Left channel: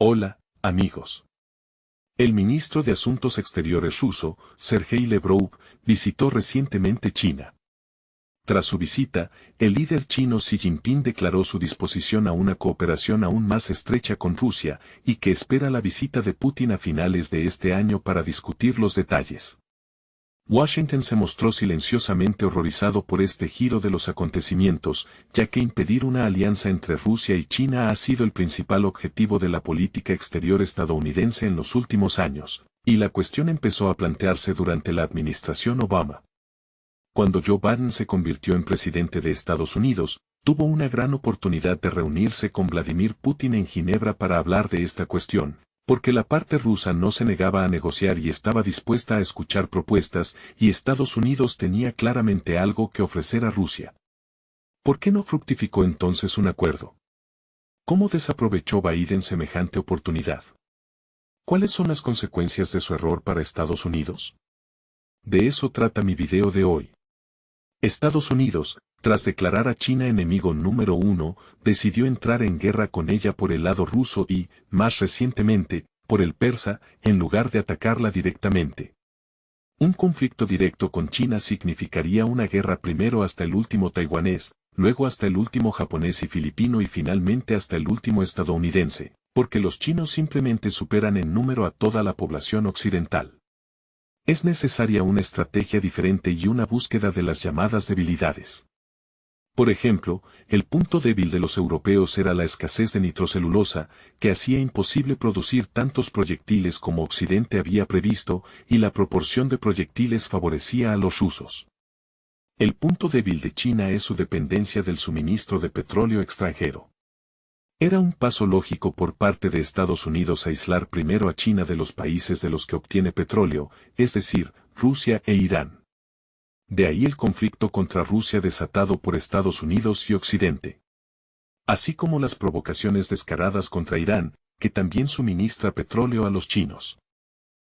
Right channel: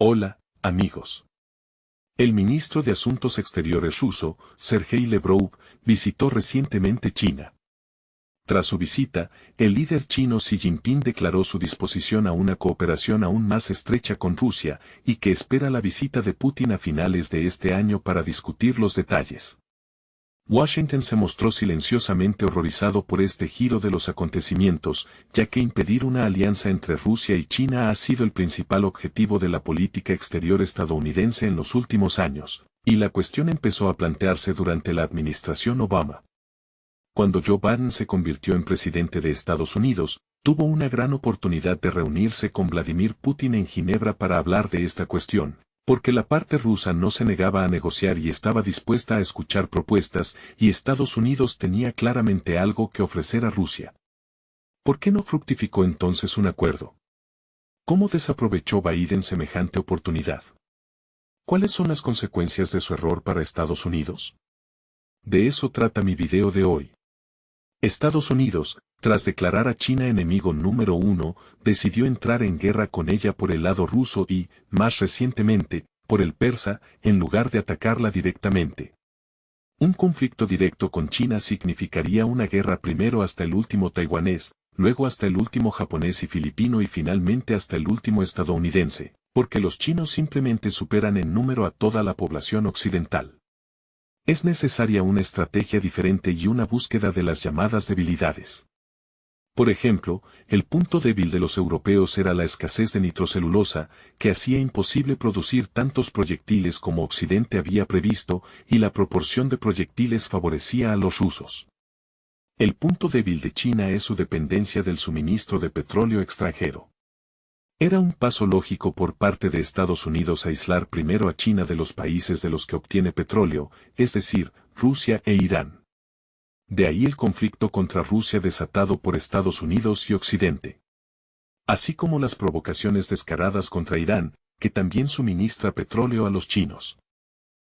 Hola, amigos. El ministro de Asuntos Exteriores ruso, Sergei Lavrov, visitó recientemente China. Tras su visita, el líder chino Xi Jinping declaró su disposición a una cooperación aún más estrecha con Rusia y que espera la visita de Putin a finales de este año para discutir los detalles. Washington se mostró silenciosamente horrorizado por este giro de los acontecimientos, ya que impedir una alianza entre Rusia y China ha sido el principal objetivo de la política exterior estadounidense en los últimos años, y la cuestión empezó a plantearse durante la administración Obama. Cuando Joe Biden se convirtió en presidente de Estados Unidos, tuvo una gran oportunidad de reunirse con Vladimir Putin en Ginebra para hablar de esta cuestión, porque la parte rusa no se negaba a negociar y estaba dispuesta a escuchar propuestas, y Estados Unidos tenía claramente algo que ofrecer a Rusia. ¿Por qué no fructificó entonces un acuerdo? ¿Cómo desaprovechó Biden semejante oportunidad? ¿Cuáles son las consecuencias de su error para Estados Unidos? De eso trata mi video de hoy. Estados Unidos, tras declarar a China enemigo número 1, decidió entrar en guerra con ella por el lado ruso y, más recientemente, por el persa, en lugar de atacarla directamente. Un conflicto directo con China significaría una guerra primero hasta el último taiwanés, luego hasta el último japonés y filipino y finalmente hasta el último estadounidense, porque los chinos simplemente superan en número a toda la población occidental. Es necesaria una estrategia diferente y una búsqueda de las llamadas debilidades. Por ejemplo, el punto débil de los europeos era la escasez de nitrocelulosa, que hacía imposible producir tantos proyectiles como Occidente había previsto, y la proporción de proyectiles favorecía a los rusos. El punto débil de China es su dependencia del suministro de petróleo extranjero. Era un paso lógico por parte de Estados Unidos aislar primero a China de los países de los que obtiene petróleo, es decir, Rusia e Irán. De ahí el conflicto contra Rusia desatado por Estados Unidos y Occidente. Así como las provocaciones descaradas contra Irán, que también suministra petróleo a los chinos.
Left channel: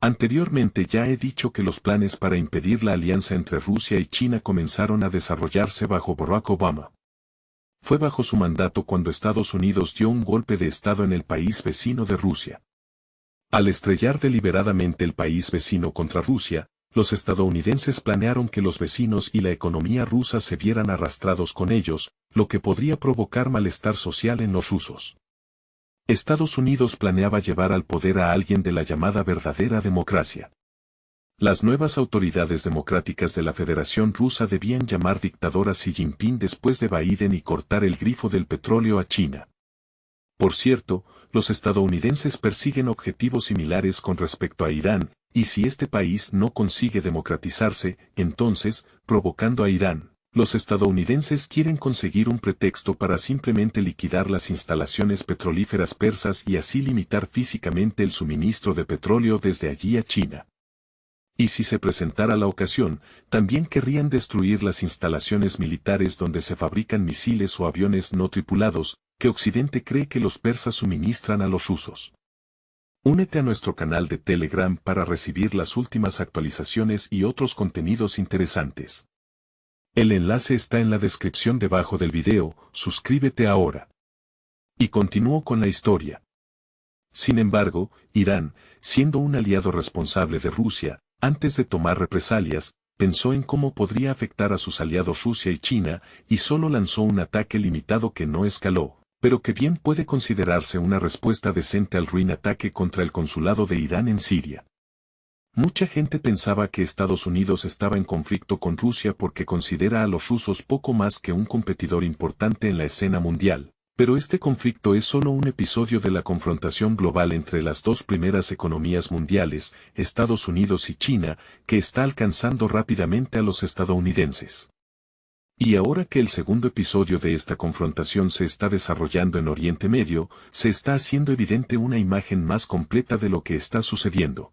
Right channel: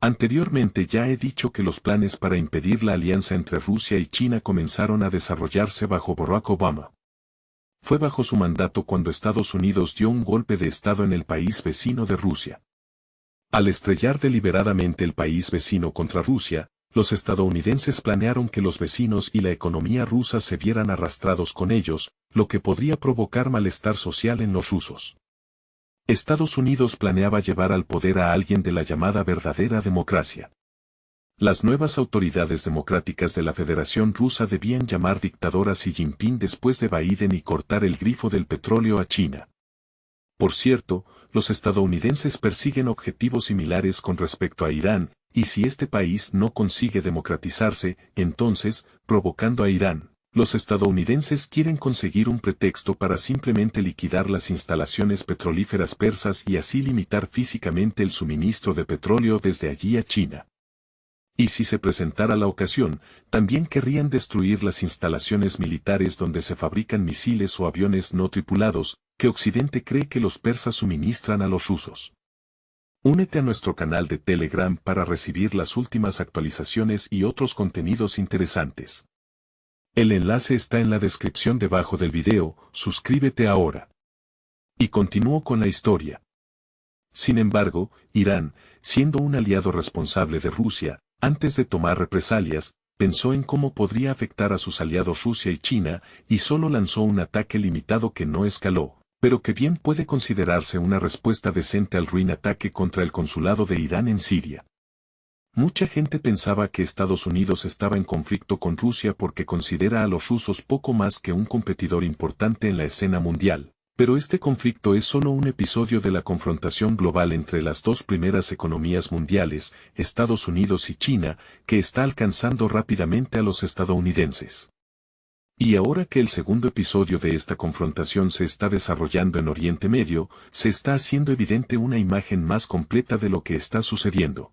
Anteriormente ya he dicho que los planes para impedir la alianza entre Rusia y China comenzaron a desarrollarse bajo Barack Obama. Fue bajo su mandato cuando Estados Unidos dio un golpe de Estado en el país vecino de Rusia. Al estrellar deliberadamente el país vecino contra Rusia, los estadounidenses planearon que los vecinos y la economía rusa se vieran arrastrados con ellos, lo que podría provocar malestar social en los rusos. Estados Unidos planeaba llevar al poder a alguien de la llamada verdadera democracia. Las nuevas autoridades democráticas de la Federación Rusa debían llamar dictador a Xi Jinping después de Biden y cortar el grifo del petróleo a China. Por cierto, los estadounidenses persiguen objetivos similares con respecto a Irán, y si este país no consigue democratizarse, entonces, provocando a Irán, los estadounidenses quieren conseguir un pretexto para simplemente liquidar las instalaciones petrolíferas persas y así limitar físicamente el suministro de petróleo desde allí a China. Y si se presentara la ocasión, también querrían destruir las instalaciones militares donde se fabrican misiles o aviones no tripulados, que Occidente cree que los persas suministran a los rusos. Únete a nuestro canal de Telegram para recibir las últimas actualizaciones y otros contenidos interesantes. El enlace está en la descripción debajo del video, suscríbete ahora. Y continúo con la historia. Sin embargo, Irán, siendo un aliado responsable de Rusia, antes de tomar represalias, pensó en cómo podría afectar a sus aliados Rusia y China, y solo lanzó un ataque limitado que no escaló, pero que bien puede considerarse una respuesta decente al ruin ataque contra el consulado de Irán en Siria. Mucha gente pensaba que Estados Unidos estaba en conflicto con Rusia porque considera a los rusos poco más que un competidor importante en la escena mundial. Pero este conflicto es solo un episodio de la confrontación global entre las dos primeras economías mundiales, Estados Unidos y China, que está alcanzando rápidamente a los estadounidenses. Y ahora que el segundo episodio de esta confrontación se está desarrollando en Oriente Medio, se está haciendo evidente una imagen más completa de lo que está sucediendo.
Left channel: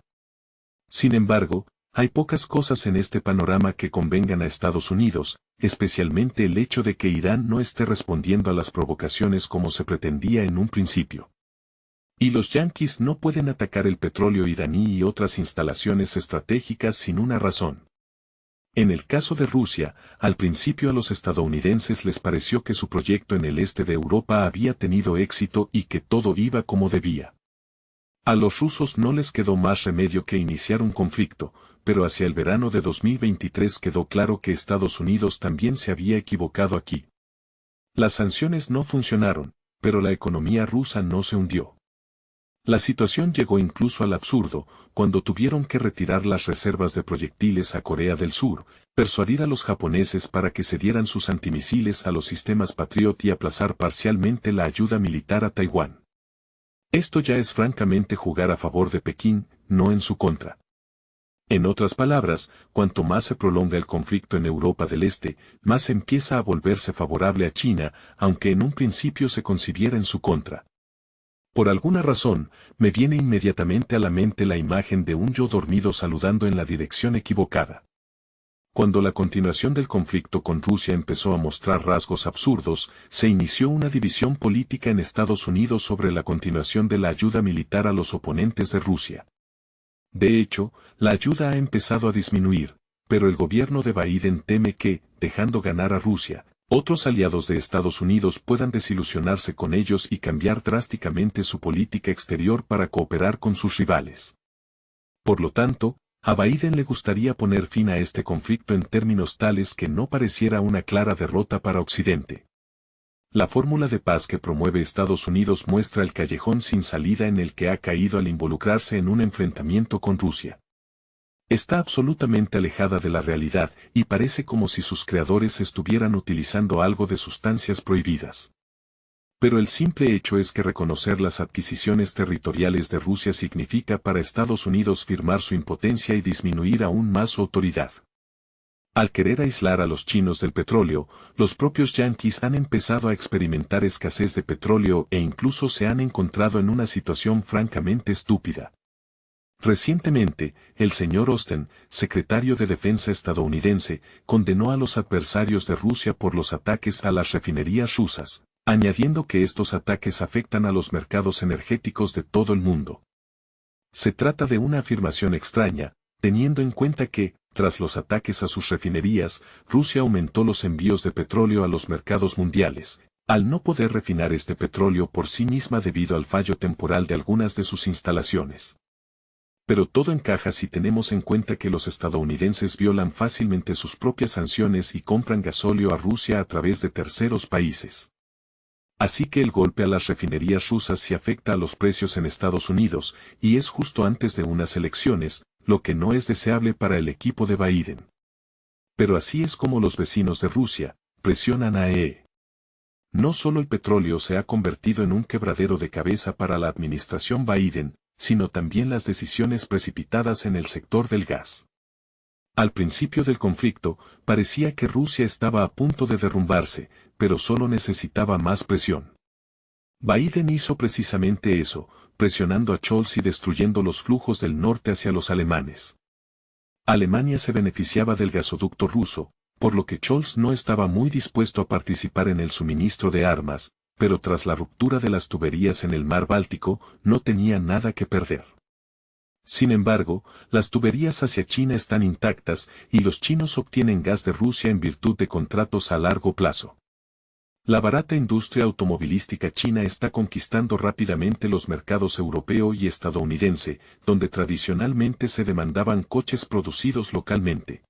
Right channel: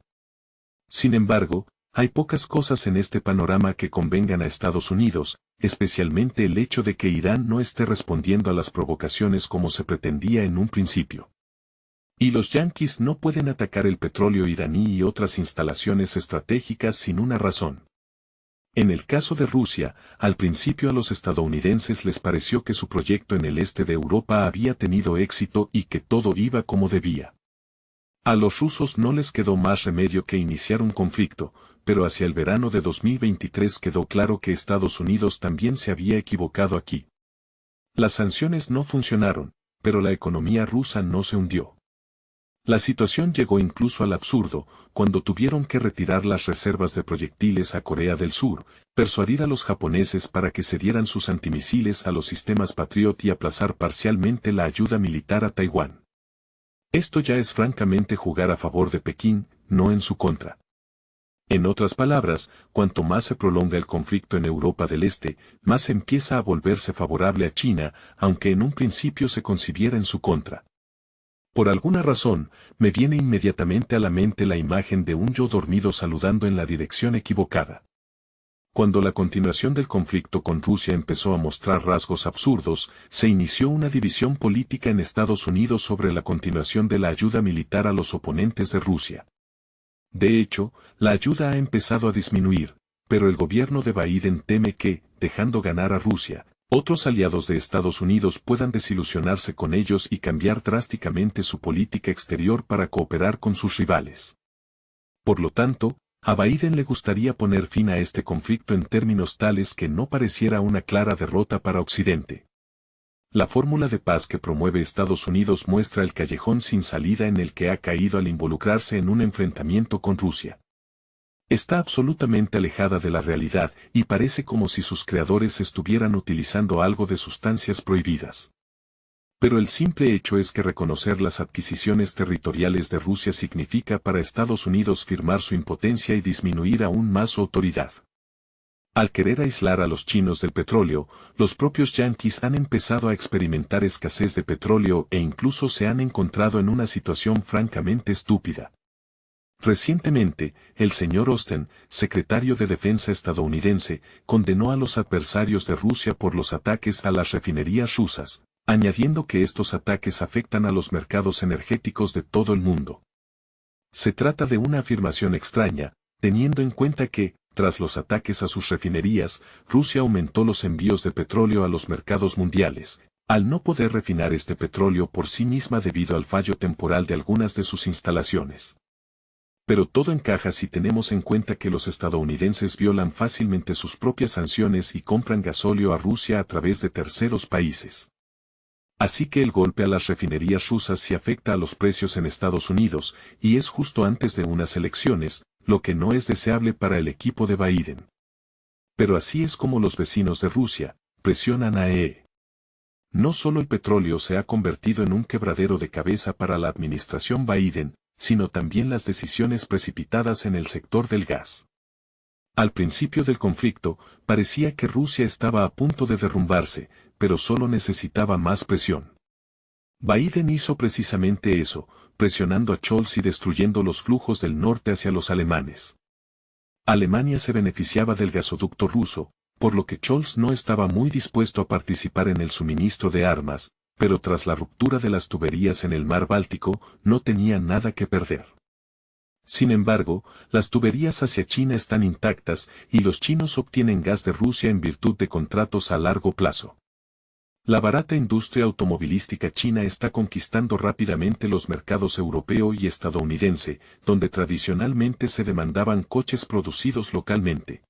Sin embargo, hay pocas cosas en este panorama que convengan a Estados Unidos, especialmente el hecho de que Irán no esté respondiendo a las provocaciones como se pretendía en un principio. Y los yanquis no pueden atacar el petróleo iraní y otras instalaciones estratégicas sin una razón. En el caso de Rusia, al principio a los estadounidenses les pareció que su proyecto en el este de Europa había tenido éxito y que todo iba como debía. A los rusos no les quedó más remedio que iniciar un conflicto, pero hacia el verano de 2023 quedó claro que Estados Unidos también se había equivocado aquí. Las sanciones no funcionaron, pero la economía rusa no se hundió. La situación llegó incluso al absurdo, cuando tuvieron que retirar las reservas de proyectiles a Corea del Sur, persuadir a los japoneses para que cedieran sus antimisiles a los sistemas Patriot y aplazar parcialmente la ayuda militar a Taiwán. Esto ya es francamente jugar a favor de Pekín, no en su contra. En otras palabras, cuanto más se prolonga el conflicto en Europa del Este, más empieza a volverse favorable a China, aunque en un principio se concibiera en su contra. Por alguna razón, me viene inmediatamente a la mente la imagen de un yo dormido saludando en la dirección equivocada. Cuando la continuación del conflicto con Rusia empezó a mostrar rasgos absurdos, se inició una división política en Estados Unidos sobre la continuación de la ayuda militar a los oponentes de Rusia. De hecho, la ayuda ha empezado a disminuir, pero el gobierno de Biden teme que, dejando ganar a Rusia, otros aliados de Estados Unidos puedan desilusionarse con ellos y cambiar drásticamente su política exterior para cooperar con sus rivales. Por lo tanto, a Biden le gustaría poner fin a este conflicto en términos tales que no pareciera una clara derrota para Occidente. La fórmula de paz que promueve Estados Unidos muestra el callejón sin salida en el que ha caído al involucrarse en un enfrentamiento con Rusia. Está absolutamente alejada de la realidad y parece como si sus creadores estuvieran utilizando algo de sustancias prohibidas. Pero el simple hecho es que reconocer las adquisiciones territoriales de Rusia significa para Estados Unidos firmar su impotencia y disminuir aún más su autoridad. Al querer aislar a los chinos del petróleo, los propios yanquis han empezado a experimentar escasez de petróleo e incluso se han encontrado en una situación francamente estúpida. Recientemente, el señor Austin, secretario de Defensa estadounidense, condenó a los adversarios de Rusia por los ataques a las refinerías rusas, añadiendo que estos ataques afectan a los mercados energéticos de todo el mundo. Se trata de una afirmación extraña, teniendo en cuenta que, tras los ataques a sus refinerías, Rusia aumentó los envíos de petróleo a los mercados mundiales, al no poder refinar este petróleo por sí misma debido al fallo temporal de algunas de sus instalaciones. Pero todo encaja si tenemos en cuenta que los estadounidenses violan fácilmente sus propias sanciones y compran gasóleo a Rusia a través de terceros países. Así que el golpe a las refinerías rusas sí afecta a los precios en Estados Unidos, y es justo antes de unas elecciones, lo que no es deseable para el equipo de Biden. Pero así es como los vecinos de Rusia presionan a EE. No solo el petróleo se ha convertido en un quebradero de cabeza para la administración Biden, sino también las decisiones precipitadas en el sector del gas. Al principio del conflicto, parecía que Rusia estaba a punto de derrumbarse, pero solo necesitaba más presión. Biden hizo precisamente eso, presionando a Scholz y destruyendo los flujos del norte hacia los alemanes. Alemania se beneficiaba del gasoducto ruso, por lo que Scholz no estaba muy dispuesto a participar en el suministro de armas, pero tras la ruptura de las tuberías en el mar Báltico, no tenía nada que perder. Sin embargo, las tuberías hacia China están intactas y los chinos obtienen gas de Rusia en virtud de contratos a largo plazo. La barata industria automovilística china está conquistando rápidamente los mercados europeo y estadounidense, donde tradicionalmente se demandaban coches producidos localmente.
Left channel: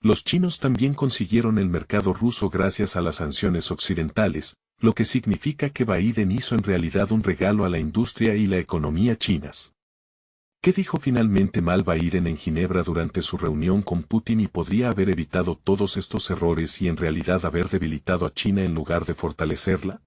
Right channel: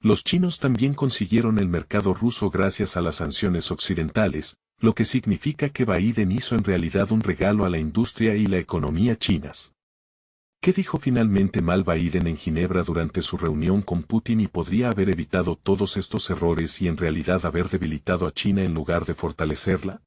Los chinos también consiguieron el mercado ruso gracias a las sanciones occidentales, lo que significa que Biden hizo en realidad un regalo a la industria y la economía chinas. ¿Qué dijo finalmente mal Biden en Ginebra durante su reunión con Putin y podría haber evitado todos estos errores y en realidad haber debilitado a China en lugar de fortalecerla?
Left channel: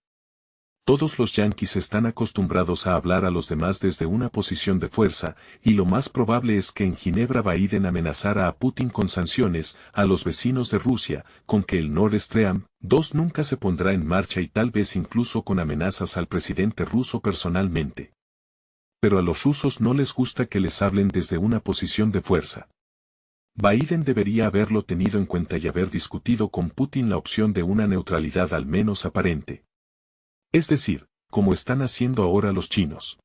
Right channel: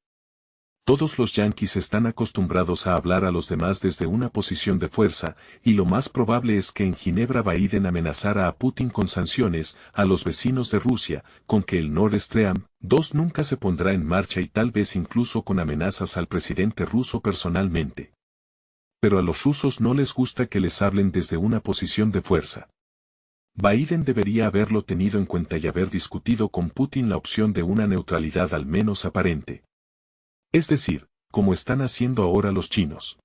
Todos los yanquis están acostumbrados a hablar a los demás desde una posición de fuerza, y lo más probable es que en Ginebra Biden amenazara a Putin con sanciones, a los vecinos de Rusia, con que el Nord Stream 2 nunca se pondrá en marcha y tal vez incluso con amenazas al presidente ruso personalmente. Pero a los rusos no les gusta que les hablen desde una posición de fuerza. Biden debería haberlo tenido en cuenta y haber discutido con Putin la opción de una neutralidad al menos aparente. Es decir, como están haciendo ahora los chinos.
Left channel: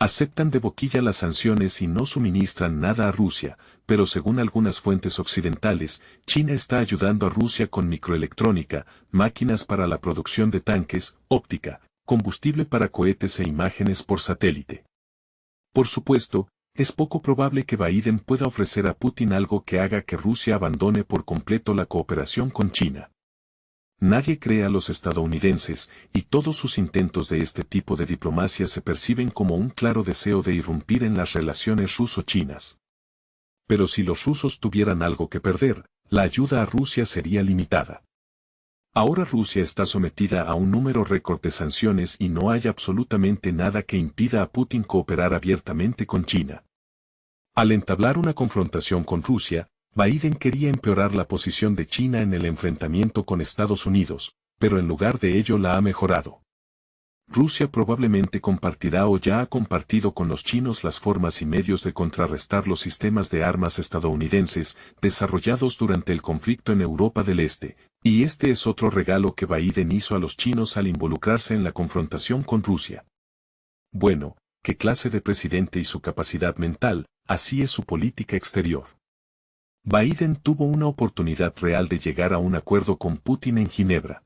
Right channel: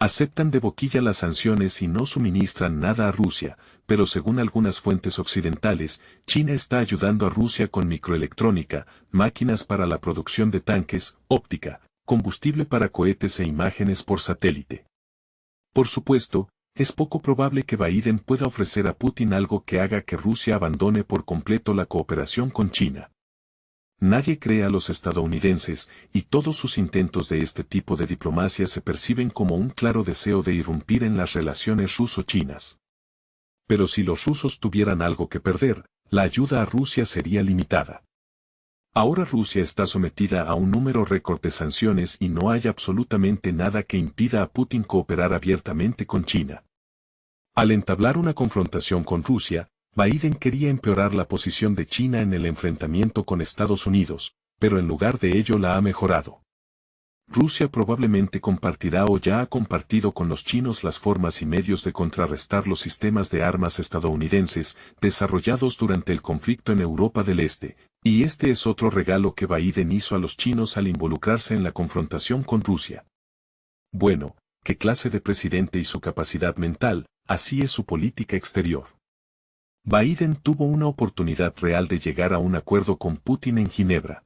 Aceptan de boquilla las sanciones y no suministran nada a Rusia, pero según algunas fuentes occidentales, China está ayudando a Rusia con microelectrónica, máquinas para la producción de tanques, óptica, combustible para cohetes e imágenes por satélite. Por supuesto, es poco probable que Biden pueda ofrecer a Putin algo que haga que Rusia abandone por completo la cooperación con China. Nadie cree a los estadounidenses, y todos sus intentos de este tipo de diplomacia se perciben como un claro deseo de irrumpir en las relaciones ruso-chinas. Pero si los rusos tuvieran algo que perder, la ayuda a Rusia sería limitada. Ahora Rusia está sometida a un número récord de sanciones y no hay absolutamente nada que impida a Putin cooperar abiertamente con China. Al entablar una confrontación con Rusia, Biden quería empeorar la posición de China en el enfrentamiento con Estados Unidos, pero en lugar de ello la ha mejorado. Rusia probablemente compartirá o ya ha compartido con los chinos las formas y medios de contrarrestar los sistemas de armas estadounidenses desarrollados durante el conflicto en Europa del Este, y este es otro regalo que Biden hizo a los chinos al involucrarse en la confrontación con Rusia. Bueno, ¿qué clase de presidente y su capacidad mental? Así es su política exterior. Biden tuvo una oportunidad real de llegar a un acuerdo con Putin en Ginebra.